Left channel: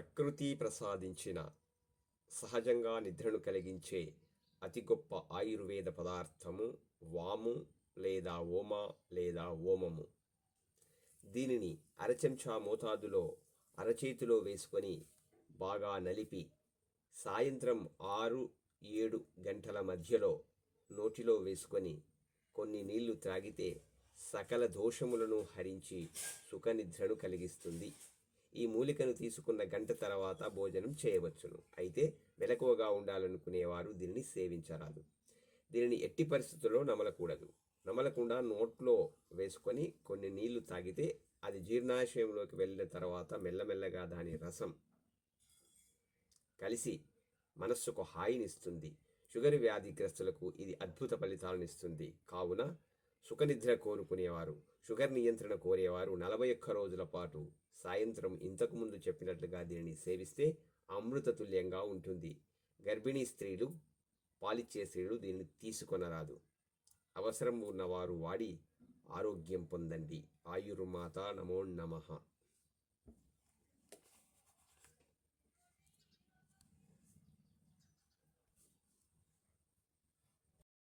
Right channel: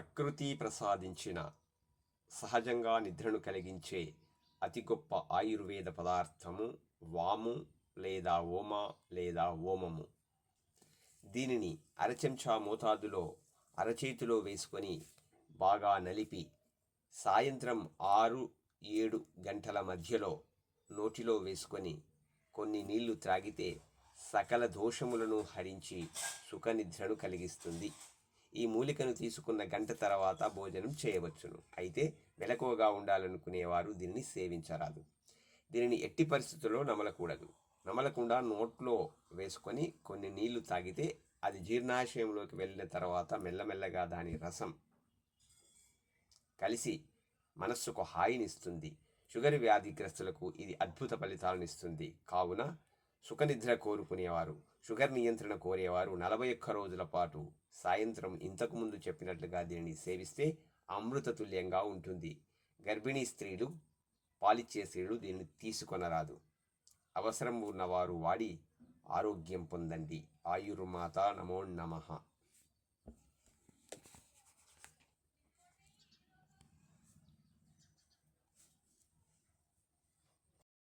ప్రకృతి ప్రసాదించిన సహజంగా నిద్రను కలిగించే అతి గొప్ప ఆయుర్వేద పదార్థము వాము లేదా ఓమ లేదా ఓమము. దీనిని అరచెంచా మోతాదులో అరచేతిలో వేసుకొని బాగా నలిపి సాయంత్రం 6-7 గంటల మధ్యలో నోటిలో వేసుకొని కొన్ని నీళ్లు త్రాగితే సకల దోషములను హరించి సుఖనిద్రను కలిగిస్తుంది. ఈ మూలికను తీసుకున్న గంట తర్వాత భోజనం చేయవచ్చును. అయితే మెలకువగా ఉండాలనుకునేవారు దీనిని సేవించరాదు. దీనిని ఎట్టి పరిస్థితుల్లో నమలకూడదు. నమలకుండా నోట్లో వేసుకొని కొన్ని నీళ్లు తాగితే అది జీర్ణాశయంలోకి వెళ్ళిన తర్వాత మెల్లమెల్లగా దాని రసం కలిసి మనస్సుకు హాయినిస్తుంది. షుగర్ వ్యాధిగ్రస్తులకు ఇది అద్భుత ఫలితాలను ఇస్తుంది. కావున సుఖనిద్ర కోరుకునేవారు, షుగర్ నియంత్రణ కోరేవారు 41 రోజుల పాటు సాయంత్రం ఇంతకుముందు చెప్పినట్లుగా దీనిని సేవిస్తే అమృతతుల్యంగా ఉంటుంది. గర్భిణీ స్త్రీలు, పాలిచ్చే స్త్రీలు దీనిని తీసుకొనరాదు. అవసరం ఉన్నవారు వాడి ఆరోగ్యం పొందండి. ఆయుర్మాత నమో నమః.